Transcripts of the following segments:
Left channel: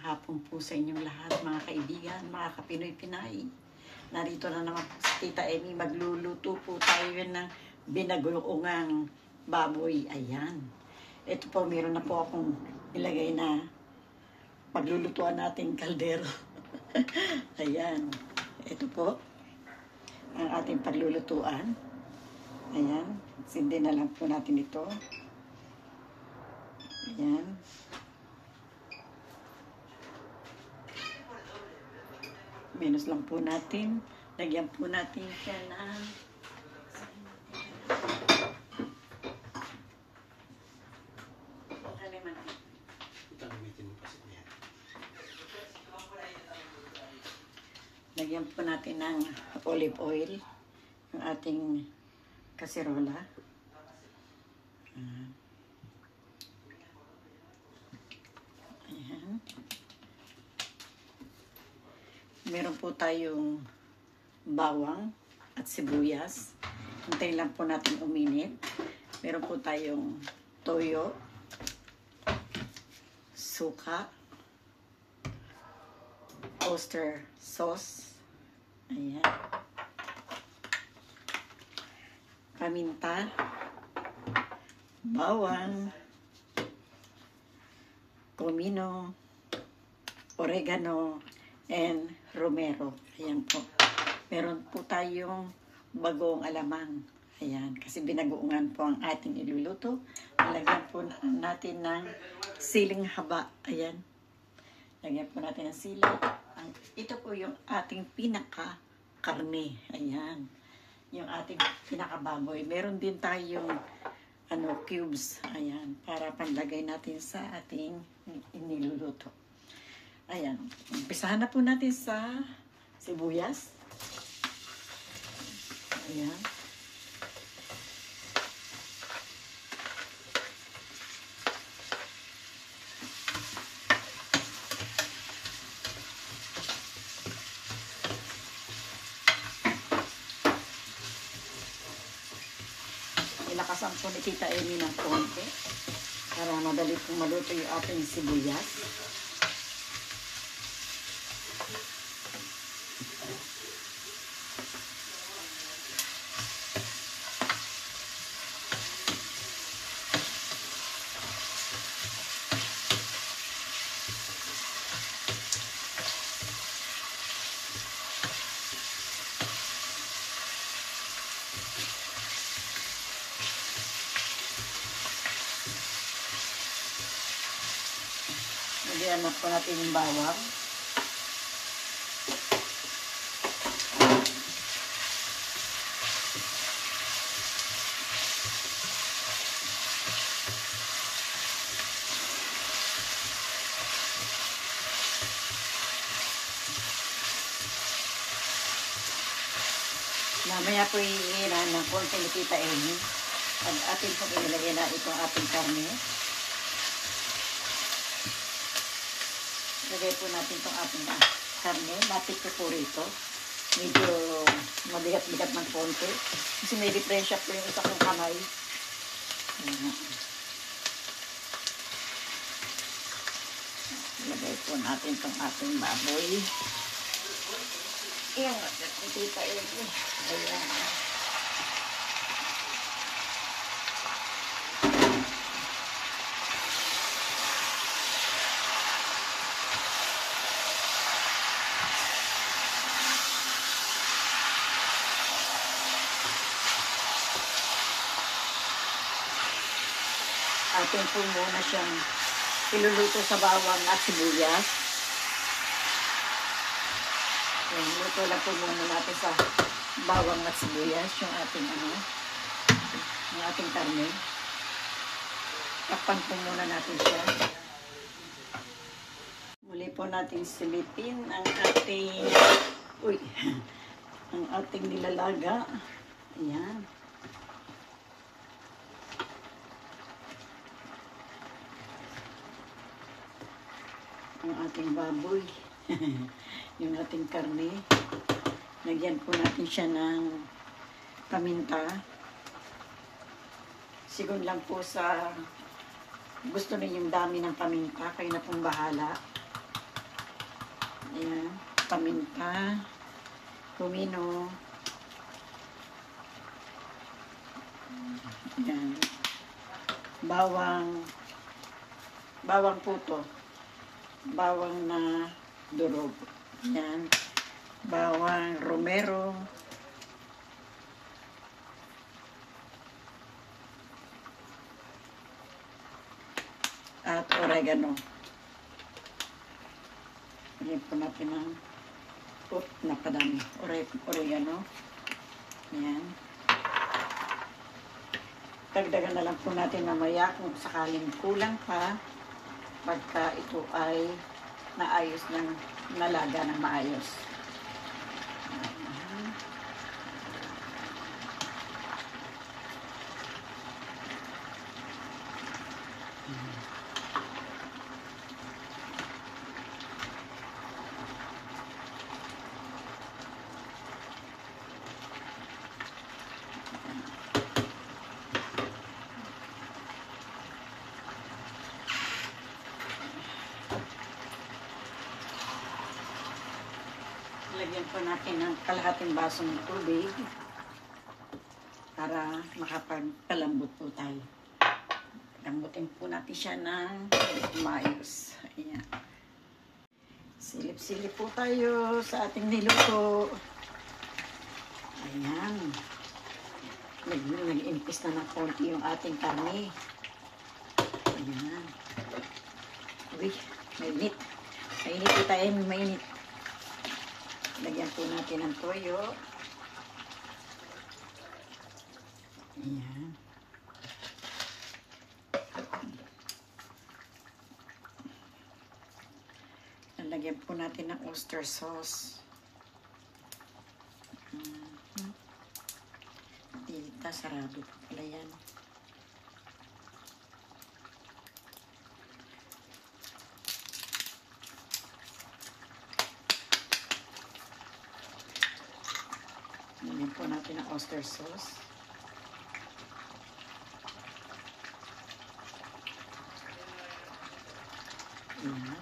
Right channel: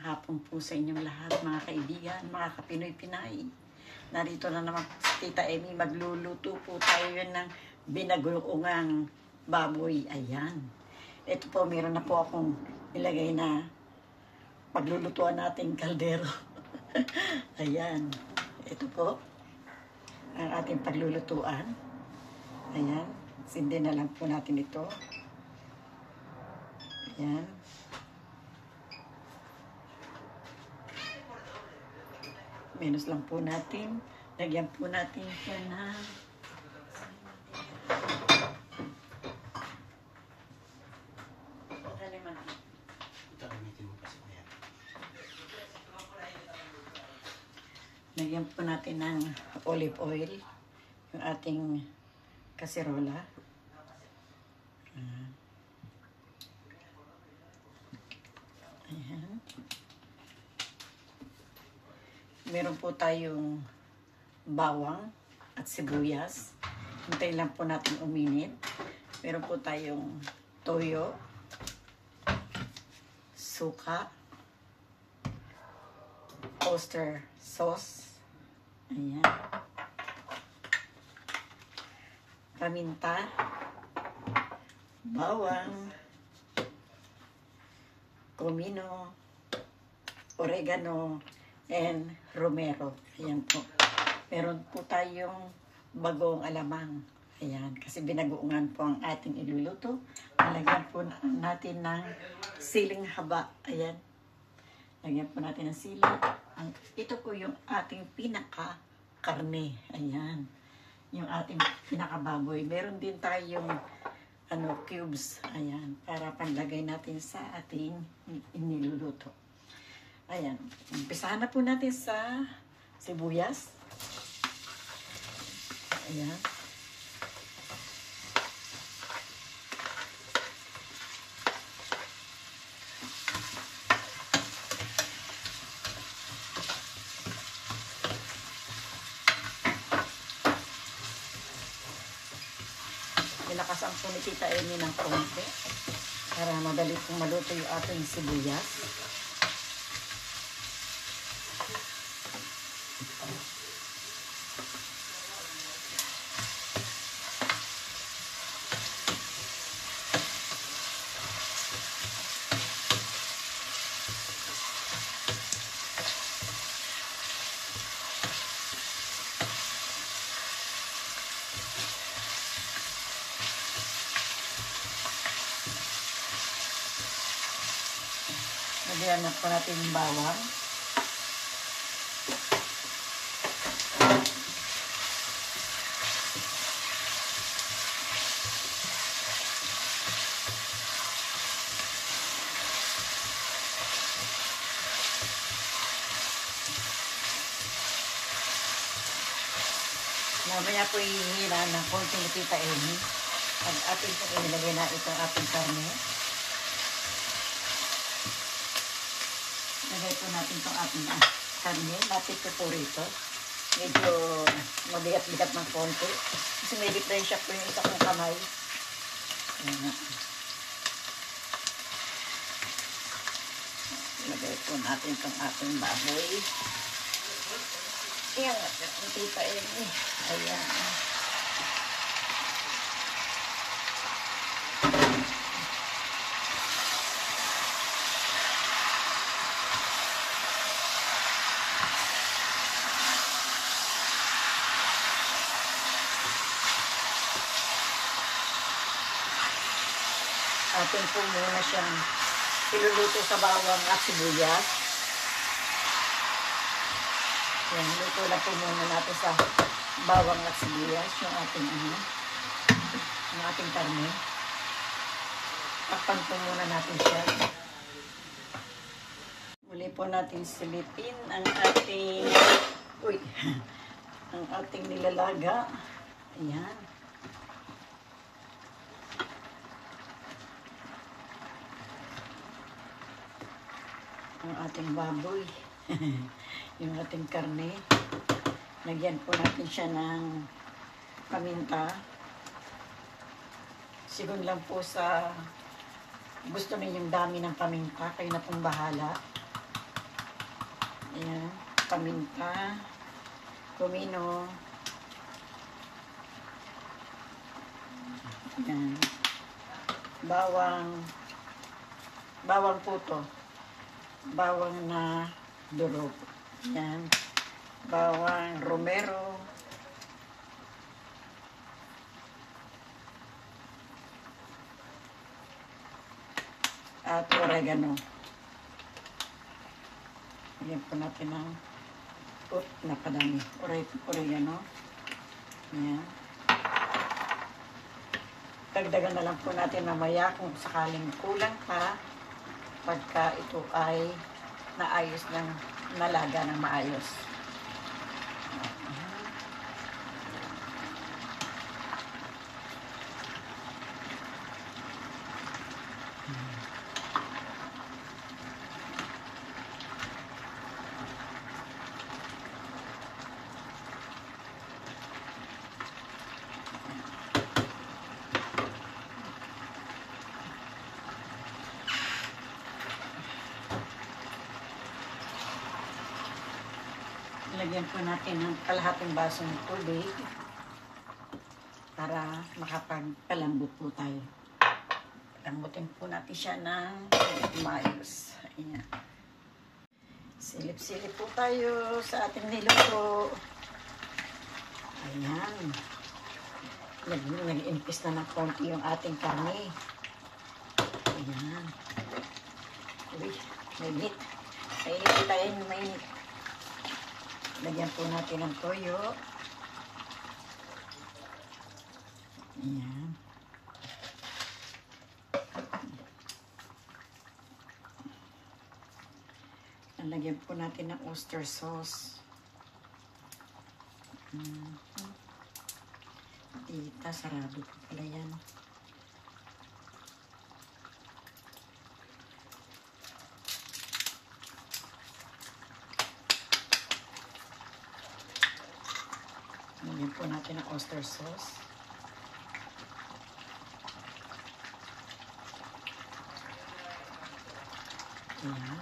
hapon po sa inyong lahat, mga kaibigan, mga kapinoy-pinay. Narito na naman po si Tita Amy. Magluluto po tayo ng binagoongang baboy. Ayan. Ito po, meron na po akong ilagay na paglulutuan nating kaldero. Ayan. Ito po, ang ating paglulutuan. Ayan. Sindi na lang po natin ito. Ayan. Minus lang po natin. Lagyan po natin siya ng lagyan po natin ng olive oil yung ating kaserola. Ayan. Meron po tayong bawang at sibuyas. Hintayin lang po natin uminit. Meron po tayong toyo, suka, oyster sauce, ayan, paminta, bawang, comino, oregano, and romero. Ayan po. Meron po tayong bagong alamang. Ayan. Kasi binagoongan po ang ating iluluto. Lagyan po natin ng siling haba. Ayan. Lagyan po natin ng sili. Ito po yung ating pinaka-karne. Ayan. Yung ating pinaka-baboy. Meron din tayong cubes. Ayan. Para panlagay natin sa ating iniluluto. Ayan. Umpisahan na po natin sa sibuyas. Ayan. Nilakasan po ni Tita Amy ng konti para madali pong maluto yung ating sibuyas. Lagyan na po natin yung bawang. Mamaya po ihihila ng konting Tita Amy. At atin po inilagay na itong ating karne. Lagay po natin itong ating karne. Lapit ko po rito. Medyo mabigat-bigat ng konti. Kasi may diferensya po yung isa kong kamay. Lagay po natin itong ating baboy. Ayan, nakita yun eh. Ayan. Atin po muna siyang iluluto sa bawang at sibuyas. Yan, luto lang po muna natin sa bawang at sibuyas yung ating karne. Takpan po muna natin siya. Muli po natin silipin ang ating nilalaga. Ayan. Ang ating baboy. Yung ating karne. Lagyan po natin siya ng paminta. Sigun lang po sa gusto ninyong dami ng paminta. Kayo na pong bahala. Ayan, paminta, kumino. Ayan. Bawang puto. Bawang na durog. Ayan. Bawang romero. At oregano. Lagyan po natin ng napadami. Oregano. Ayan. Dagdagan na lang po natin mamaya kung sakaling kulang pa pagka ito ay naayos niyang nalaga ng maayos. Lagyan po natin ng kalahating basong tubig para makapagpalambot po tayo. Lambutin po natin siya ng maayos. Ayan. Silip-silip po tayo sa ating niluto. Ayan. Nag-impis na ng konti yung ating karne. Ayan. Uy, mainit. Mainit po tayo, mainit. Lagyan po natin ng toyo. Ayan. Lagyan po natin ng oyster sauce. Tita, sarado po pala yan. Lagyan po natin ang oyster sauce. Ayan.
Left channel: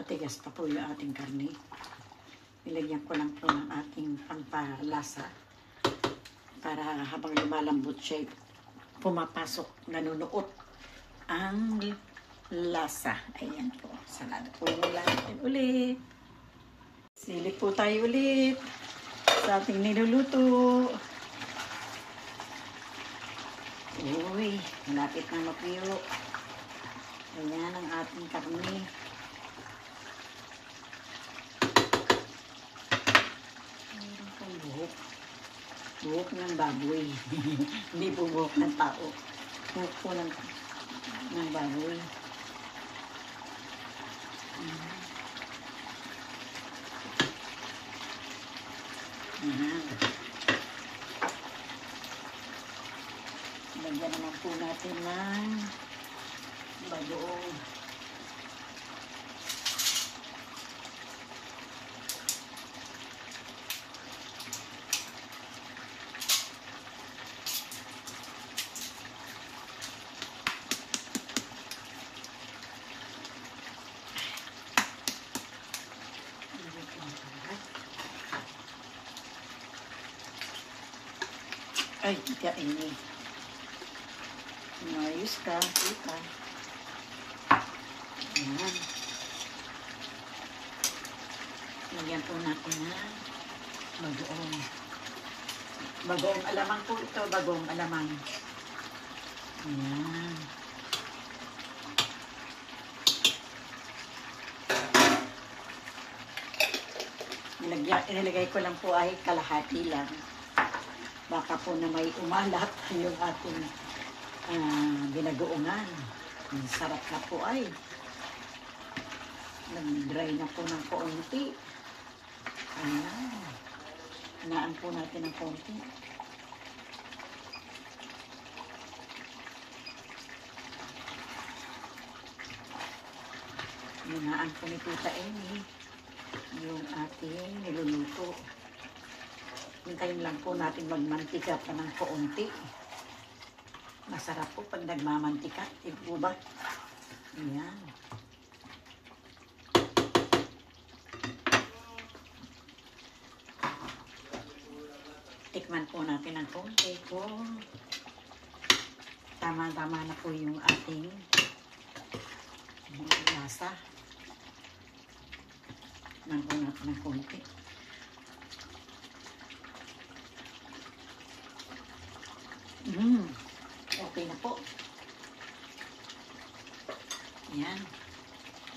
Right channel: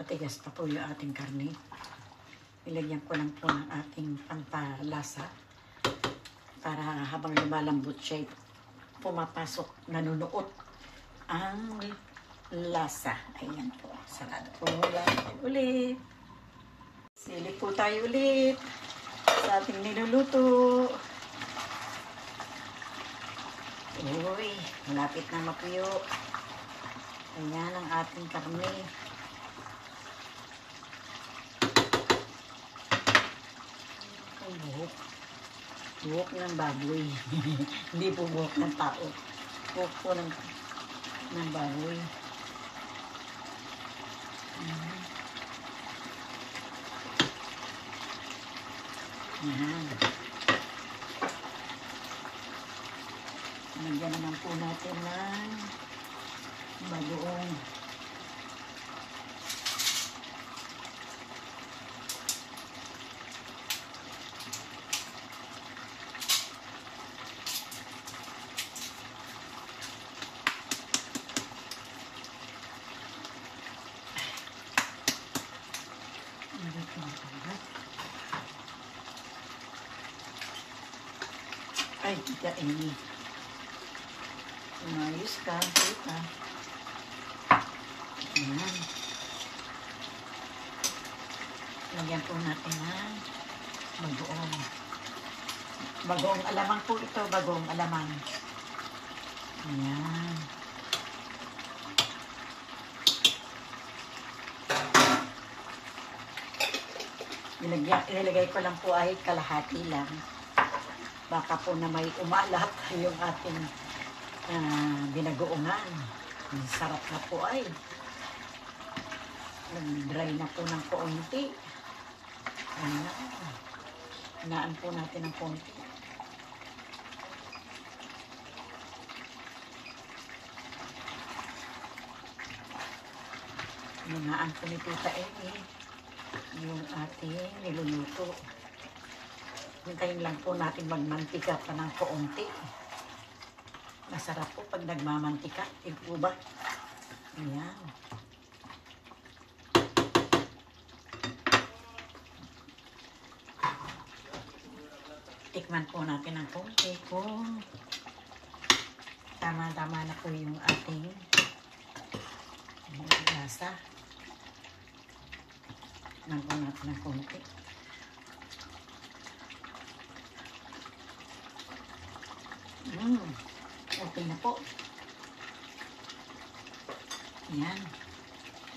Matigas pa po yung ating karne. Ilagyan ko lang po ng ating pampalasa para habang lumalambot siya, pumapasok, nanunuot ang lasa. Ayan po. Salado po natin ulit. Silip po tayo ulit sa ating niluluto. Uy, malapit na mapuyo. Ayan ang ating karne. Buhok ng baboy. Hindi po buhok ng tao. Buhok po ng baboy. Lagyan naman po natin ng bagoong. Ay, tiga ini. Umayos ka, tita. Ayan. Lagyan po natin yan. Bagoong. Bagoong alamang po ito. Bagoong alamang. Ayan. Inilagay ko lang po ay kalahati lang. Baka po na may umalat yung ating binagoongan. Ang sarap na po ay. Nag-dry na po ng konti. Hinaan po natin ng konti. Hingaan po ni Tita Amy yung ating niluluto. Hintayin lang po natin magmantika pa ng kaunti. Masarap po pag nagmamantika. Ito ba? Ayan. Tikman po natin ang kaunti kung tama-tama na po yung ating lasa. Tikman po natin ang kaunti. Okay na po. Ayan.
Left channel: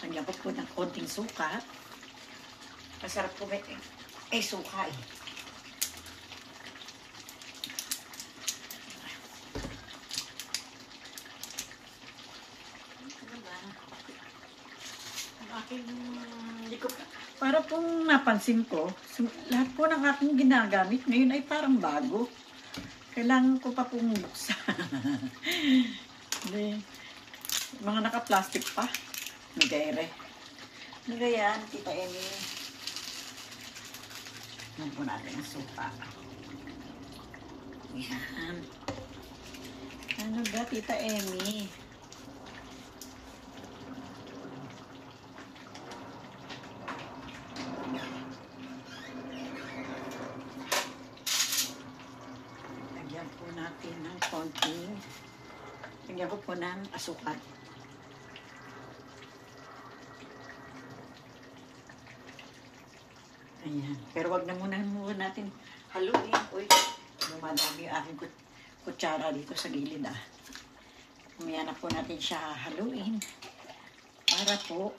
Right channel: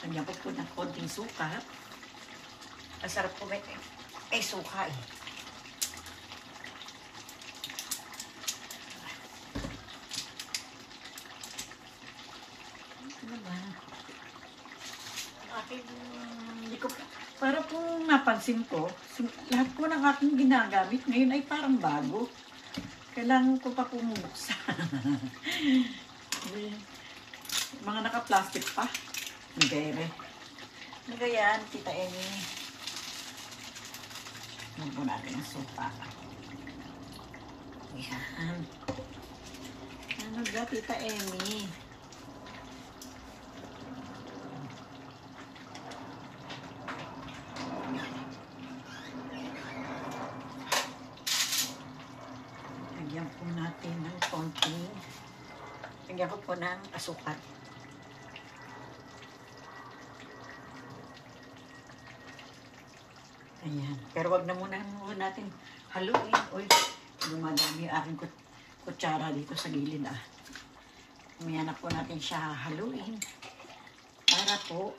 Kanya po ng konting suka. Masarap po may suka eh. Para pong napansin ko, lahat po ng aking ginagamit ngayon ay parang bago. Kailangan ko pa pong buksan. Mga naka-plastic pa. Nagayre. Nagayan, Tita Amy. Nagpo natin ang sopa. Yan. Ano ba, Tita Amy? Lagyan po natin ng konting. Lagyan ko po ng asukal. Ayan. Pero wag na muna natin haluin. Uy, dumadami yung aking kutsara dito sa gilid ah. Umaya na po natin siya haluin. Para po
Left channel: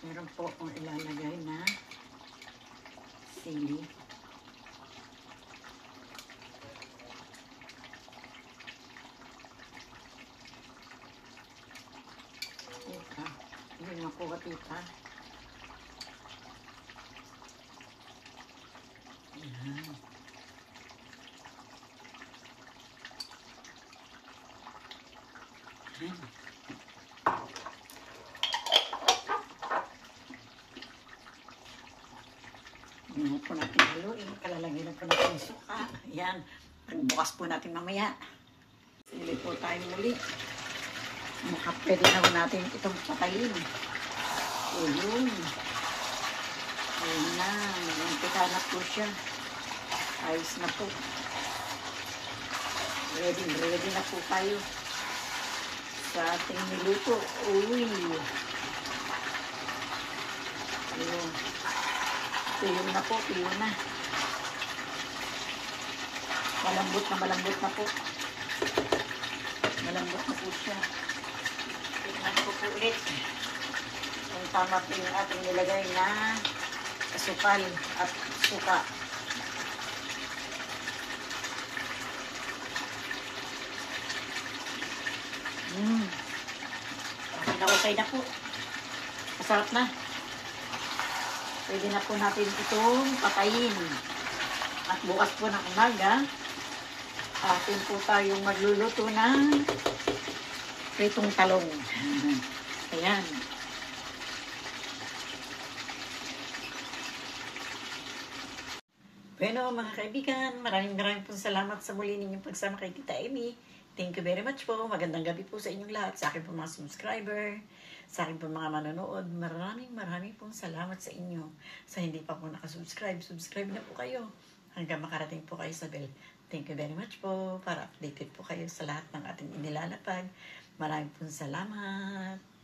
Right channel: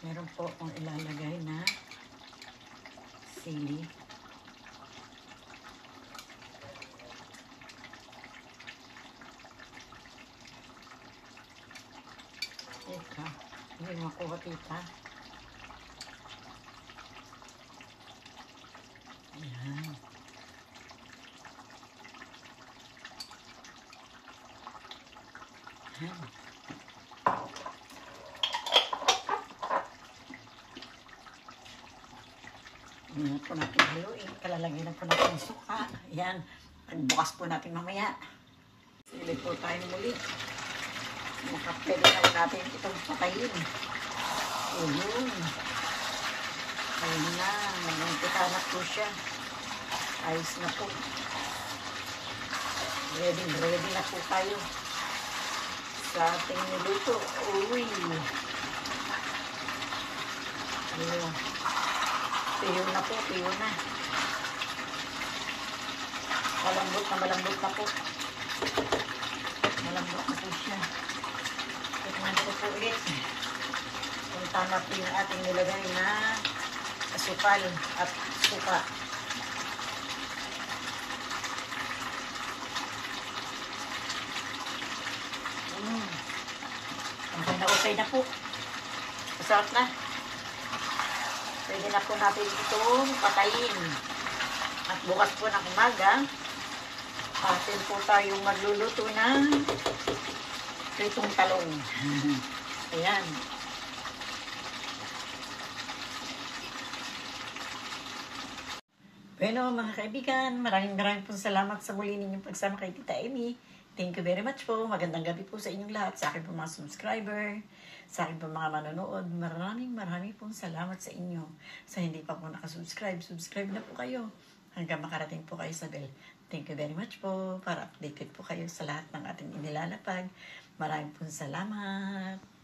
meron po akong ilalagay na sili. Teka, hindi makuha tita. Ayan. Ayan. Ayan po natin haluin. Kalalagyan na po natin yung suka. Ayan. Bukas po natin mamaya. Sili po tayo muli. Pwede na natin itong patayin. Ayun. Ayun na. Nagpita na po siya. Ayos na po. Ready na po tayo sa ating niluto. Uy. Ayun. Tuyo na po. Tuyo na. Malambot na po. Malambot na po siya. Tignan ko po ulit. Kung tama po yung ating nilagay na asukal at suka. Ang ganda okay na po. Masarap na. Pwede na po natin itong patayin. At bukas po ng umaga, atin po tayong magluluto ng pritong talong. Ayan. Bueno, mga kaibigan, maraming po salamat sa muli ninyong pagsama kay Tita Amy. Thank you very much po. Magandang gabi po sa inyong lahat. Sa akin po mga subscriber, sa akin po mga manonood, maraming pong salamat sa inyo. Sa hindi pa po nakasubscribe, subscribe na po kayo. Hanggang makarating po kayo sa bell. Thank you very much po para updated po kayo sa lahat ng ating inilalapag. Maraming pong salamat.